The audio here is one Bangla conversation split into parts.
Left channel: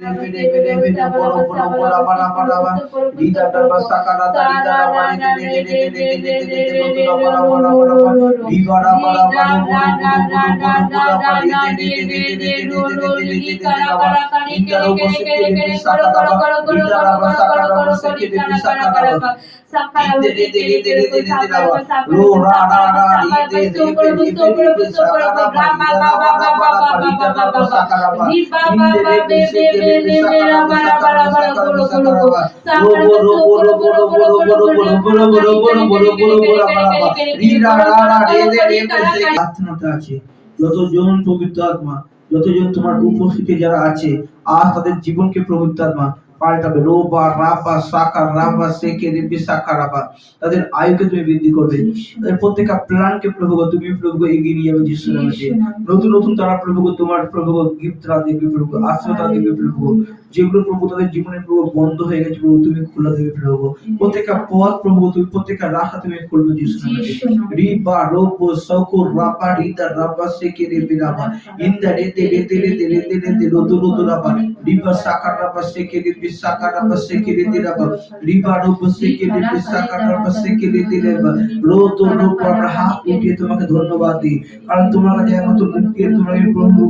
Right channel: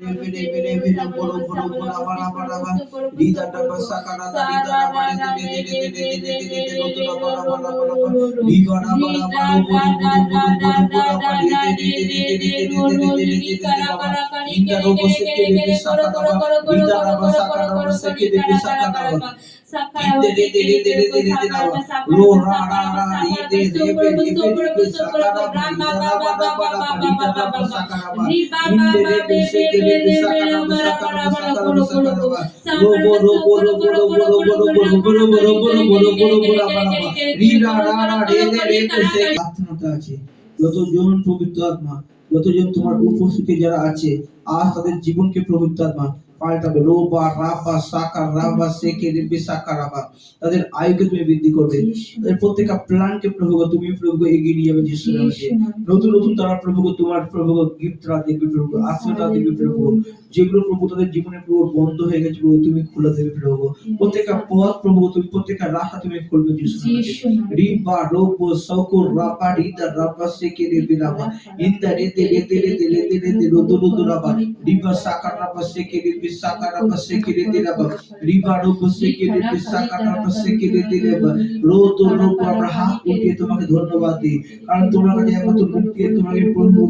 Rebele bele bele bolo bolo bola bala bala ba dida da ba sakara da dida da ba de de de de de de de de de lo da bala bala bala ba diga da bala bala bolo bolo bolo bolo bola ba de de de de de de de de de de de da ba dida lo ko se ke de sakara da ba dida da ba sakara da ba se ke de sakara da ba de de de de de de de de da ba lo ra ra ra de de de de de de de de sakara da ba dida da ba da ba da ba sakara ba dida de de de de যতজন পবিত্র আত্মা যতজন তোমার উপস্থিতি যারা আছে আর তাদের জীবনকে পবিত্র আত্মা পাল্টাবে রোবা রাবা রাবা সেকে রেবে সাকা রাবা। তাদের আয়ুকে তুমি বৃদ্ধি করবে। তাদের প্রত্যেকটা প্ল্যানকে প্রভু তুমি প্রভু এগিয়ে নিয়ে যাবে যিশু নামে। নতুন নতুন তারা প্রভু তোমার প্রভু গিফট তারা দেখবে প্রভু গো, আশ্রয় তারা দেখবে প্রভু যেগুলো প্রভু তাদের জীবনে প্রভু বন্ধ হয়ে গেছে প্রভু তুমি খুলে দেবে প্রভু প্রত্যেকটা পথ প্রভু তুমি প্রত্যেকটা রাস্তা তুমি খুলবে যিশু নামে। রিবা রোবো সকো রাবা রিদা রাবা সেকে রেবে। রাবা ইন্দা রেতে রেতে রেতে রেতে রেতে রোদো রোদো রাবা। রিবা সাকা রাবা সেকে রেবে তোমাকে ধন্যবাদ দিই। কারণ তোমার কাছে একমাত্র মুক্তি তোমাকে প্রভু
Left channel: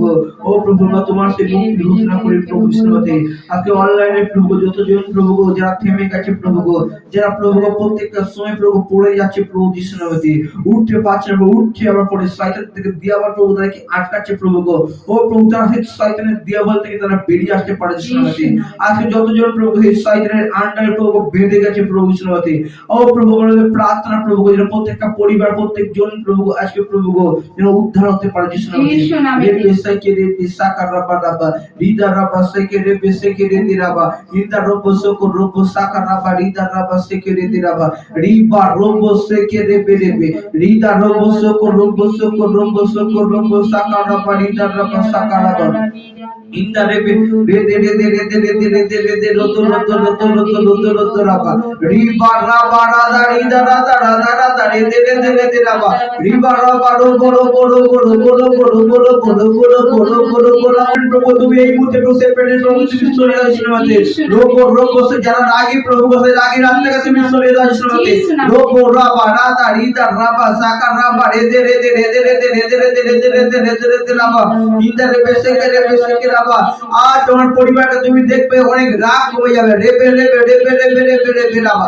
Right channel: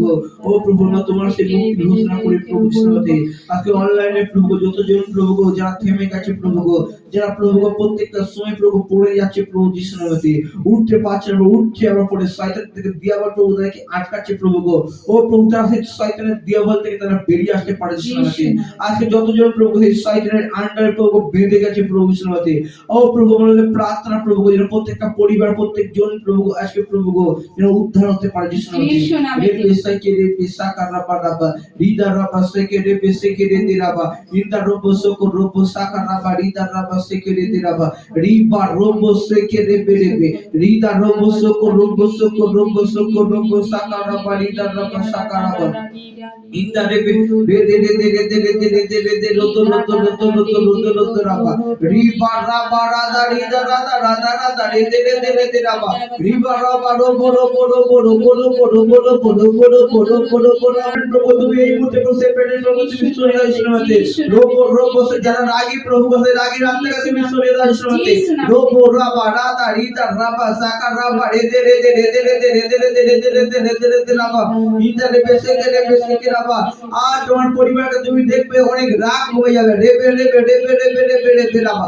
ও প্রভু তোমার সেই মুক্তি ঘোষণা করি প্রভু বিষ্ণুপতি আজকে অনলাইনে প্রভু যতজন প্রভু যারা থেমে গেছে প্রভু যারা প্রভু প্রত্যেকটা সময় প্রভু পড়ে যাচ্ছে প্রভু বিষ্ণুপতি উঠতে পারছে না উঠছে আবার পরে শয়তান থেকে দিয়ে আবার প্রভু তাদেরকে আটকাচ্ছে প্রভু ও প্রভু তারা সেই শয়তানের দিয়াবল থেকে তারা বেরিয়ে আসতে পারে বিষ্ণুপতি আজকে যতজন প্রভু শয়তানের আন্ডারে প্রভু বেঁধে গেছে প্রভু বিষ্ণুপতি ও প্রভু প্রার্থনা প্রভু যেন প্রত্যেকটা পরিবার প্রত্যেকজন প্রভু আজকে প্রভু যেন উদ্ধার হতে পারে যিশু নামে। রেবে সাইকে রেবে সাকা রাবা রাবা রিদা রাবা সেকে রেবে সেকে রেদি রাবা ইন্দা রোবো সoko রোবো সাকা রাবা রিদা রাবা সেকে রেদি রাবা রিবা রোবো সেকে রেবে রেবে রিদা রোবো সoko রোবো সoko রোবো সoko রোবো সাকা রাবা রিদা রাবা সাকা রাবা ইন্দা রেবে Rede Rede Rede Rede Rede Rede রতো রতো রতো রতো রতো রতো রাবা রিবা রাবা রাদা রিদা রাদা রাদা রাদা রেদে রেদে রেদে রাবা রিবা রাবা রোবো রোবো রোবো রোবো রোবো রোবো রোবো রোবো রোবো রোবো রোবো রোবো প্রভু তুমি এই মুহূর্তে প্রভু সে পেটে প্রভু তুমি সরে যাও ইসলামতে রোবো রোবো সে যারা রাগী প্রভু সে রাগী রাত থেকে তুমি সরে যাও ইসলামতে রোবো রাবা রাদা রিদা রাবা সাকা রাবা Rede Rede Rede Rede Rede Rede Rede Rede Rede রেদে রাবা ইন্দা রেবে সেকে রেবে সেকে রাবা আজ তোমার পরিবারকে তুমি দেখবে অনেক রাগ কমে যাবে রেবে রেবে রেবে রেবে রেবে রেবে রাবা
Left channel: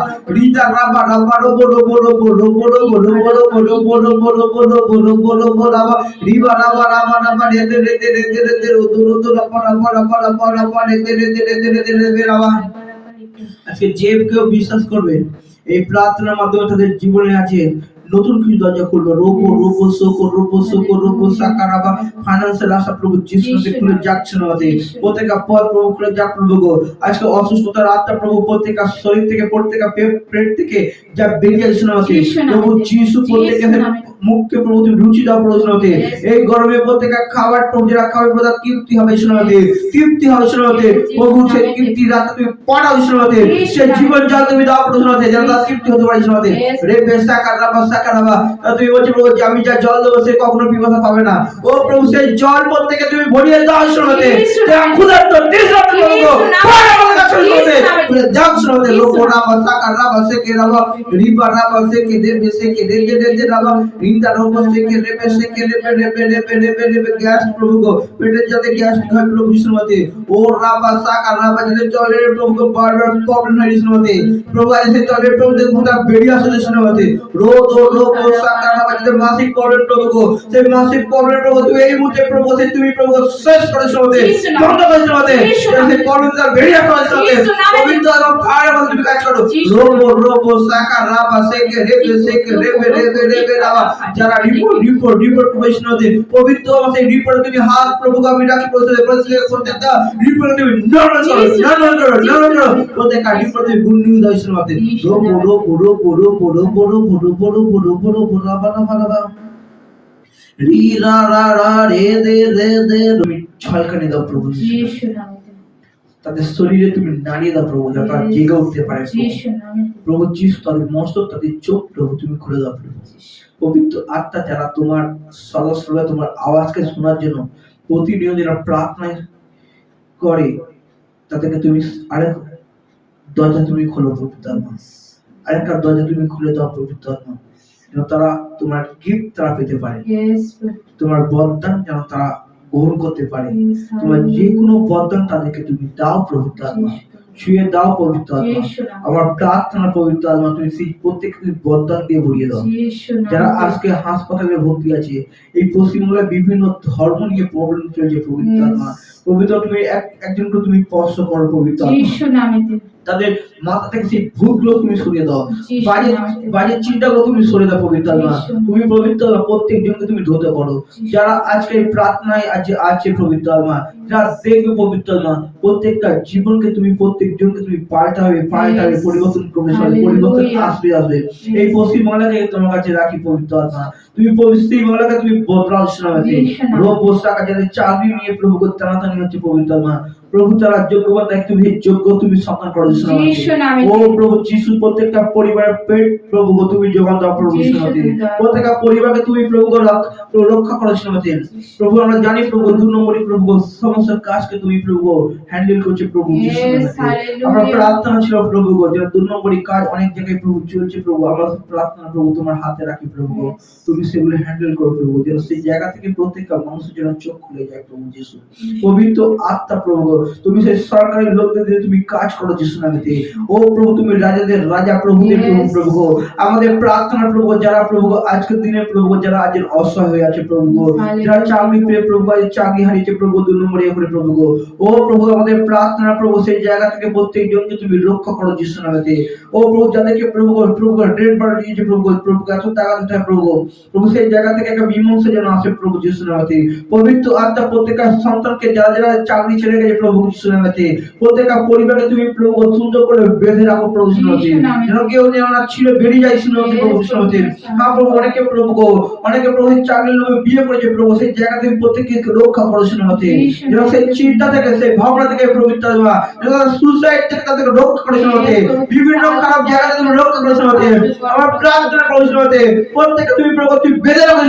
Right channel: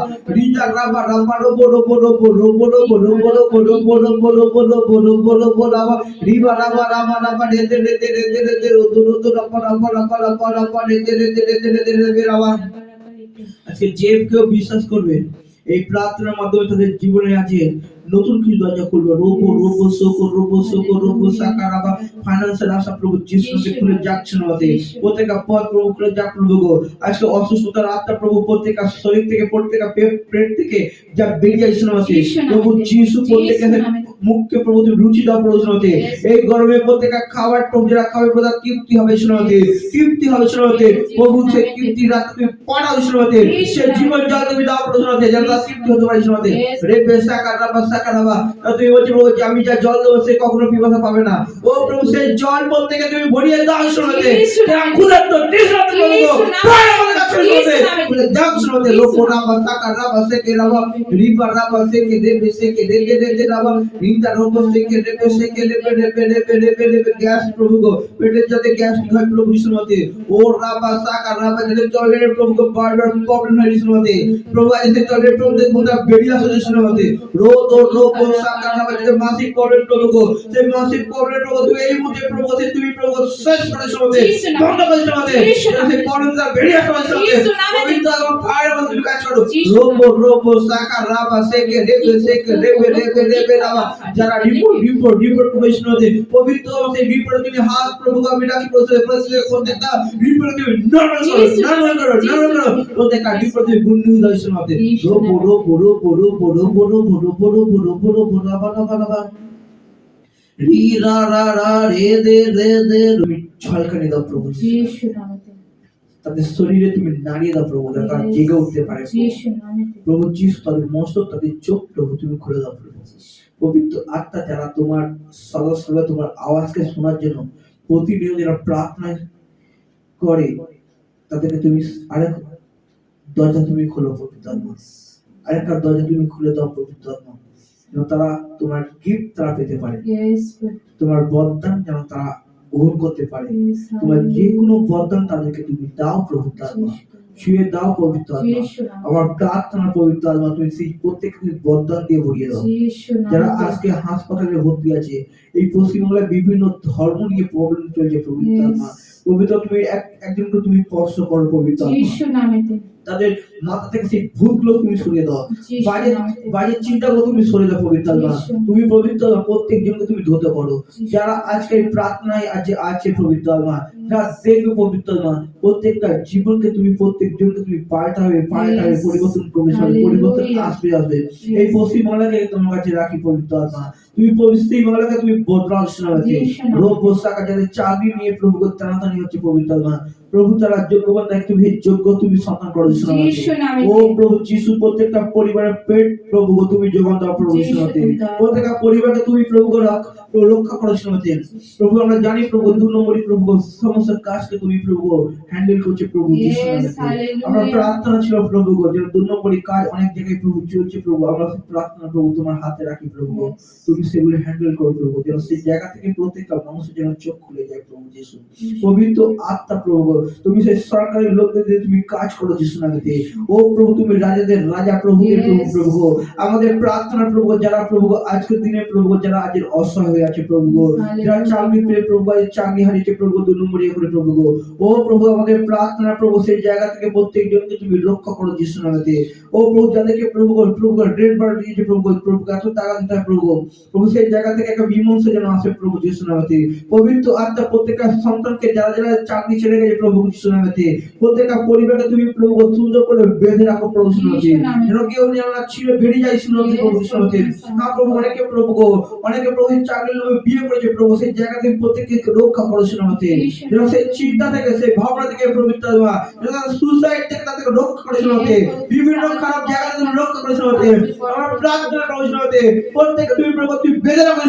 রাবা রাবা রোবো রোবো রোবো রোবো রোবো রোবো রোবো রোবো রোবো রোবো রোবো রোবো রোবো রাবা রিবা রাবা রাবা রাবা রেদে রেদে রোদো রোদো রাবা রাবা রাবা রাবা রাবা রেদে রেদে রেদে রেদে রেদে রাবা আজকে যে কেউ বিশ্বাস করবে এই প্রার্থনার মাধ্যমে তাদের জীবনে আছে নতুন কিছু দরজা খুলবে রোবো রোবো সোকো রোবো সাকারাবা ফাইন্যান্সিয়াল আশা প্রভু যিশুতে খুলে যাচ্ছে না আমাদের। প্রত্যেকটা পথ প্রভু খুলে যাক প্রভু গো। আজকে অসুস্থতার আত্মা প্রভু প্রত্যেকটা শরীর থেকে প্রত্যেকটা পেট থেকে যা বেরিয়ে যাচ্ছে না প্রভু যিশু নামে। মুখকে প্রভু তুমি রুচি দাও প্রভু শোনাতে এই গরমে প্রত্যেকটা খাবার প্রভু যারা খাবে প্রভু তার তৃপ্তি হবে শোনাতে তৃপ্তি হবে শোনাতে প্রভু সেই তৃপ্তি রাত তুমি পড়াও শোনাতে সে জীবন জল তুমি দাও প্রভু শোনাতে যেন তার তৃপ্তি হতে পারে শোনাতে. রে বেসা কারাবা সাকারাবা তুমি বলছো প্রভু আমি যা জল দেবো সে কখনো পিপাসা পাবে না। ও প্রভু সেই জল প্রত্যেকে তুমি ভরিয়ে দাও শোনাতে। ক্ষুধার্ত তৃষ্ণার্ত কাছে শোনাতে। যিশু নামে। বলে যাও শোনাতে যিশু লোক রাবা সাকারাবা সেকে রাবা রিবা রাবা সেকে রেবে সেকে রেবে রেবে রাবা রিন্দা রোগ সেকে রেবে সেকে রেবে রেবে রেবে রেবে রেবে গ্যাস প্রভু গো পেটের যাতে গ্যাস হয় প্রভু বিষ্ণুমতে ও রাবা সাকা রাবা যাতে চলের প্রভু গো বারবার প্রবলেম হয় বিষ্ণুমতে প্রভু আজ সেই চলের প্রভু যে ভূতা বেরিয়ে আসে বিষ্ণুমতে রোগ ও রোগ ও সাকা রাবা যাতে মাসিক প্রবলেম প্রভু গো সেই মাসিক প্রবলেম প্রভু তুমি এই মুহূর্তে প্রভু সেই তুমি প্রভু শেষ করে বিষ্ণুমতে যিশু নামে। বন্ধ করে বিষ্ণুমতে যিশু নামে। সেই প্রবলেম যা বেরিয়ে যিশু নামে। পবিত্র এবং ফায়ার মধ্যে তুমি কাজ করো। রোগ ও সাকা রাবা সেকে রেবে সেকে রেবে রেবে রেবে রাবা যারা রিপোর্ট রিপোর্ট রিপোর্ট প্রফেশনালতে পবিত্র সেই রিপোর্ট তুমি হাত প্রভু আমি রাখি প্রতিষ্ঠা প্রতিষ্ঠা প্রত্যেকটা রিপোর্ট তুমি নরমাল করো নরমাল করো নরমাল করো। প্রত্যেকটা রিপোর্ট তুমি গুড নিউজ দাও শুনো মাতে রো বড় বড় বড় বড় বড় বড় বড় বড় বড় বড় রাবা রাবা রাবা। রি রা রা রা রে দে রে দে তুমি ছলকানি দাও প্রভু তাদের শরীরে তুমি নাড়িয়ে দাও প্রভু যাতে তারা জেগে উঠতে পারে। প্রভু। যিশু প্রভু তাদের মস্তক তাদের চোখ প্রভু তুমি খুলে দাও প্রভু। পবিত্র আত্মা যারা তোমার সদস্যরা তোমার আওয়াজকে শোনার জন্য প্রতিনিয়ত যারা প্রার্থনায় করে তাদেরকে তুমি আরেক দরজা তুমি খোলো পবিত্র আত্মা আরেকটা দরজা তুমি খুলে দাও পবিত্র আত্মা যেন তারা তোমার গিফট তারা পেতে পারে। তোমার বরদান যেন তারা গ্রহণ করতে পারে। তোমার যে কোনো বরদান তাদেরকে তুমি দাও পবিত্র আত্মা শুয়ে দাও পবিত্র আত্মা আমার প্রার্থনা পবিত্র আত্মা তুমি সেই প্রত্যেককে তুমি বরদান দিয়ে ভরিয়ে দাও। যারা আজকে হাসপাতালে ভর্তি আছে এই পশ্চিমবাংলায় বিভিন্ন ধর্ম নিয়ে প্রবলেম চলছে পবিত্র. আত্মা পবিত্র তুমি একজনকে তুমি স্পর্শ করো পবিত্র। তাদের মাথা থেকে সেই ভূতগুলো তুমি সরিয়ে দাও। Jesus বাজে বাজে চিন্তাগুলো তুমি সরিয়ে দাও পবিত্র তুমি পবিত্র আত্মা প্রত্যেকজনকে তুমি ধরতে করো। যারা আজকে প্রার্থনায় আছে আছে পবিত্র যারা দেখবে পবিত্র প্রত্যেকটা জীবনকে তুমি তুমি পাল্টাবে পাল্টাবে Yes. পরিবর্তন করবে সবাই পরিবর্তন আসবে আসবে। এই Yes. পশ্চিম বাংলাকে তোমার কাছে রাখি পবিত্র আত্মা। তুমি পশ্চিম বাংলাকে তুমি বদলাও শোনাবে। রোগ চাকরি নিয়ে প্রভু টানাটানি হচ্ছে পবিত্র আত্মা প্রভু তারা যোগ্যবান দেখ তুমি যোগ্য তুমি সন্তান করো। ও প্রভু যিশু প্রত্যেকটা পরিবারের পেট প্রভু গো তুমি যোগান দাও প্রভু। প্রত্যেকটা পরিবারকে তুমি প্রভু গো রক্ষা করো শোনাতে প্রভু আমরা জানি প্রভু দু নম্বরই প্রভু সমস্ত কাজকে তুমি প্রভু হ্যান্ডেল করছে প্রভু যিশু. আমার প্রার্থনা ছিল প্রভু গো যে দু নম্বরই কাজ অনেক জায়গায় প্রভু চলছে প্রভু। আমরা প্রার্থনা প্রভু তোমার হাতে রাখি প্রভু গো। তুমি সেগুলো হ্যান্ডেল করো প্রভু যেন সেই জায়গা থেকে প্রত্যেকটা মানুষের যেন চোখ খুলে যায় প্রভু যিশু। পবিত্র আত্মা প্রভু। তুমি সেই সরকারি লোকদের দিয়ে তুমি কাজ করো যিশু নামেতে। ও প্রভু তুমি রাজাদের রাজা প্রভুদের প্রভু প্রভু। আমাদের প্রার্থনা প্রভু যারা প্রভু আজকের দিনে প্রভু যারা আজ অসহায় হয়ে আছে প্রভু যারা চাকরি পেয়ে প্রভু আজ চাকরি হারিয়েছে প্রভু দু নম্বরে করে প্রভু ও প্রভু আমাদের প্রার্থনা প্রভু সেই জায়গা থেকে প্রত্যেকজনকে তুমি রক্ষা করো যিশু নামেতে। ও প্রভু যাদেরকে প্রভু প্রভু রেড বার দিয়েছে প্রভু প্রভু এত টাকা দিতে প্রভু প্রভু সেই জায়গা থেকে একটা মীমাংসা যেন আসে প্রভু যিশু নামেতে। পবিত্র আত্মা প্রত্যেকটা সন্তানকে যারা যারা চাকরি ছেড়ে গেছে প্রভু নামেতে প্রত্যেকটা পরিবারকে তুমি প্রভু সুন্দর করে বেঁধে রাখো প্রভু। যেন কেউ যেন না ছিঁড়ে বেরিয়ে যায় প্রভু হ্যাঁ প্রভু অনেকে প্রভু গো অনেকে প্রভু চাকরির বিয়ে করেছে প্রভু সেই জায়গা থেকে প্রত্যেককে রক্ষা করো যেন সেই চিন্তা থেকে সেই ভাবনা থেকে আত্মা সুসাইড থেকে তাদেরকে রক্ষা করো. বিভিন্ন খারাপ জায়গা থেকে তুমি রক্ষা করো যিশু আমার প্রার্থনা করো প্রত্যেককে তুমি প্রভু তুমি বেঁধে রাখো।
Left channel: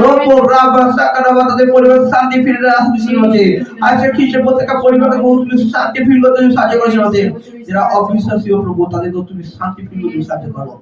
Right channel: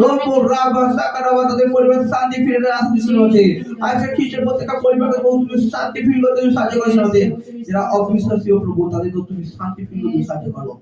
রব রাবা সাকারাবা তাদের পরিবার শান্তি ফিরে আসবে যিশু নামেতে আজকে ঠিক আছে প্রত্যেকটা পরিবারকে বহু তুমি শান্তি ফিল করতে তুমি সাহায্য করো যিশু নামেতে যারা অবিশ্বাসী ও প্রভু তাদেরকে তুমি শান্তি ফিল করতে সাহায্য করো।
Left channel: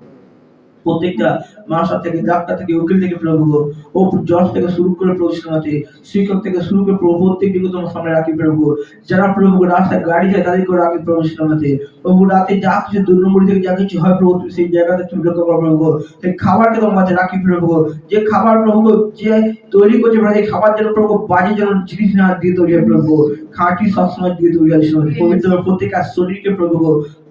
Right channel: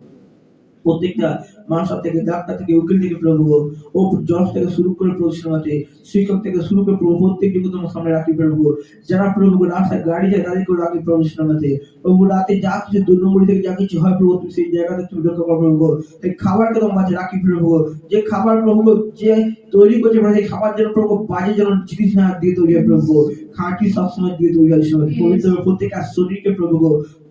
প্রত্যেকটা মাসা থেকে, ডাক্তার থেকে, উকিল থেকে প্রভু, ও জজ থেকে শুরু করে প্রভু সিনেমাতে শিক্ষক থেকে শুরু করে প্রভু প্রত্যেকটিকে তোমার সামনে রাখি প্রভু। যারা প্রভু রাস্তায় গাড়ি যায় তাদেরকে রাখি প্রভু সিনেমাতে প্রভু, রাতে যা কিছু দু নম্বরী থেকে যা কিছু হয় প্রভু, সেই জায়গাতে তুমি রক্ষা করো প্রভু। সেই খাবারকে তোমার কাছে রাখি প্রভু। যে খাবার প্রভু যে তৈরি করছে, সেই খাবার যেন প্রভু বাজে যেন জিনিস না দিয়ে তৈরি হয় প্রভু। খাঁটি সবসময় দিয়ে সিনেমাতে Yes. পবিত্র প্রত্যেকটা শরীরকে প্রভু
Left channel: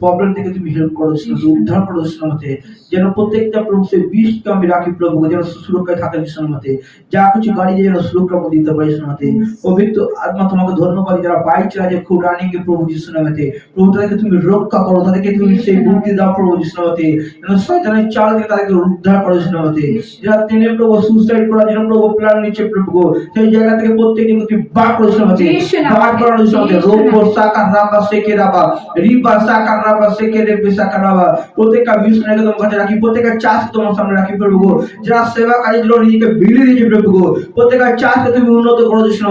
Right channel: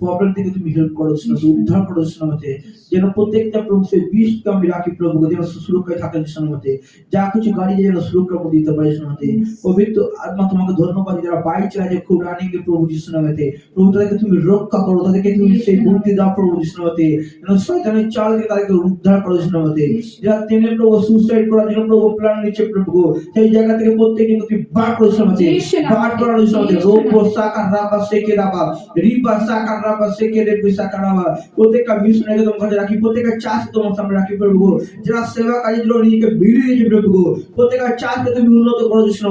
প্রবলেম থেকে তুমি হেল্প করো উদ্ধার করো সিনেমাতে যেন প্রত্যেকটা প্রভু সেই বিষকে আমি রাখি প্রভু যেন সুরক্ষায় থাকে শোনাতে যা কিছু গাড়ি যেন সুরক্ষার মধ্যে দিতে পারি শোনাতে পবিত্র আত্মা তোমাকে ধন্যবাদ যারা বাইক চালাচ্ছে খুব রানিং এ প্রভু যিশু নামেতে প্রভু তাদেরকে তুমি রক্ষা করো তাদেরকে তুমি সেই বুদ্ধি দাও প্রভু যিশু নামেতে যেন শয়তানের চাল থেকে তাদেরকে উদ্ধার করো যিশু নামেতে যারা তেনে প্রভু সুসাইড করার জন্য প্রভু প্ল্যান নিচ্ছে প্রভু সেই জায়গা থেকে প্রত্যেকদিন তুমি বার করো যিশু নামেতে বার যিশু রোগ নামে। সাকা রাবা সেকে রাবা রিবা সাকা রাবা সেকে রেবে সাকা রাবা প্রত্যেকটা মিশনারিকে তোমার কাছে রাখি প্রত্যেকটা চাষ তোমার সামনে রাখি প্রভু যারা সেবা কাজে জন্য নিজেকে বিলিয়ে দিয়েছে প্রভু প্রত্যেকটা চাষকে তুমি উন্নত করো যিশু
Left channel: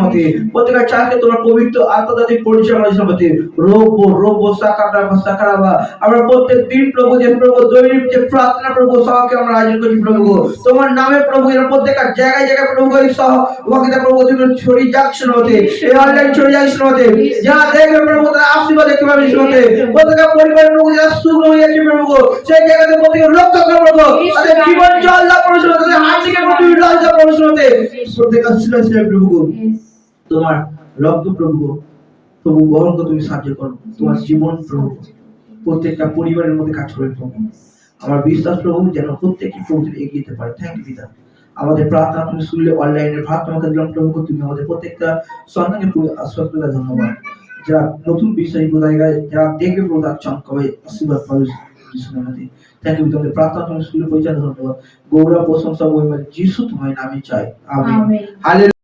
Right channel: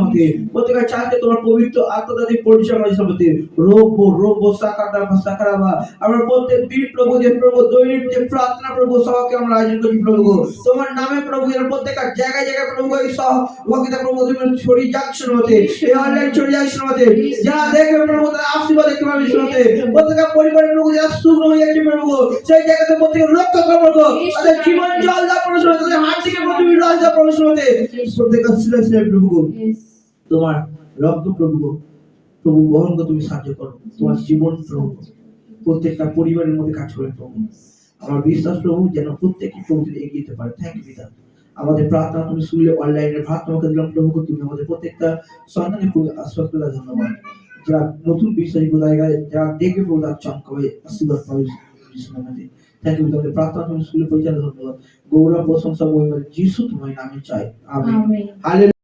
প্রত্যেকটা চাষকে তোমার পবিত্র আত্মা দিয়ে পরিচয় করো যিশু নামে রোগ রোগ সাকা রাবা সাকা রাবা আমরা প্রত্যেক দিন প্রভু যে প্রভু দৈনিক যে প্রার্থনা প্রভু সহকে আমরা আয়োজন করছি প্রভু তোমার নামে প্রভু প্রত্যেকটা জায়গায় জায়গায় প্রভু এই সহ ওয়াকিদা প্রভু তুমি ছড়িয়ে যাক শুনতে এই অনলাইন ছড়িয়ে যাক যারা দেখবে প্রভু আশীর্বাদ দেখতে পাবে পরিবারের প্রভু যারা হয়ে প্রভু সেই জায়গাতে তাদের জীবন জল তাদের হাত থেকে জল দাও প্রভু তোমার রক্ত প্রভু প্রভু তুমি সাহায্য করো। তোমার জীবন প্রভু প্রত্যেকটা পরিবারের মধ্যে কাজ করে প্রভু আমার বিশ্বাস প্রভু যেন প্রত্যেকটি প্রভু এগিয়ে যেতে পারে। থ্যাংক ইউ পিতা। আমাদের প্রার্থনা তুমি শুনলে অনলাইনে প্রার্থনাকে দিলাম প্রভু তুমি আমাদের প্রত্যেকটা সন্তানকে পুরো আশ্বাস করে ধন্যবাদ। যারা নতুন বিশ্বাসী বোঝায় যারা দেখবে পুরো তার চমকাবে আশীর্বাদ পাবে যিশু থ্যাংক ইউ তোমাদের প্রার্থনা তুমি শুনলে পরিচালনা ধন্যবাদ। গৌরব প্রশংসা মহিমা যিশু তোমার নামে চাই। আমি Amen. হালে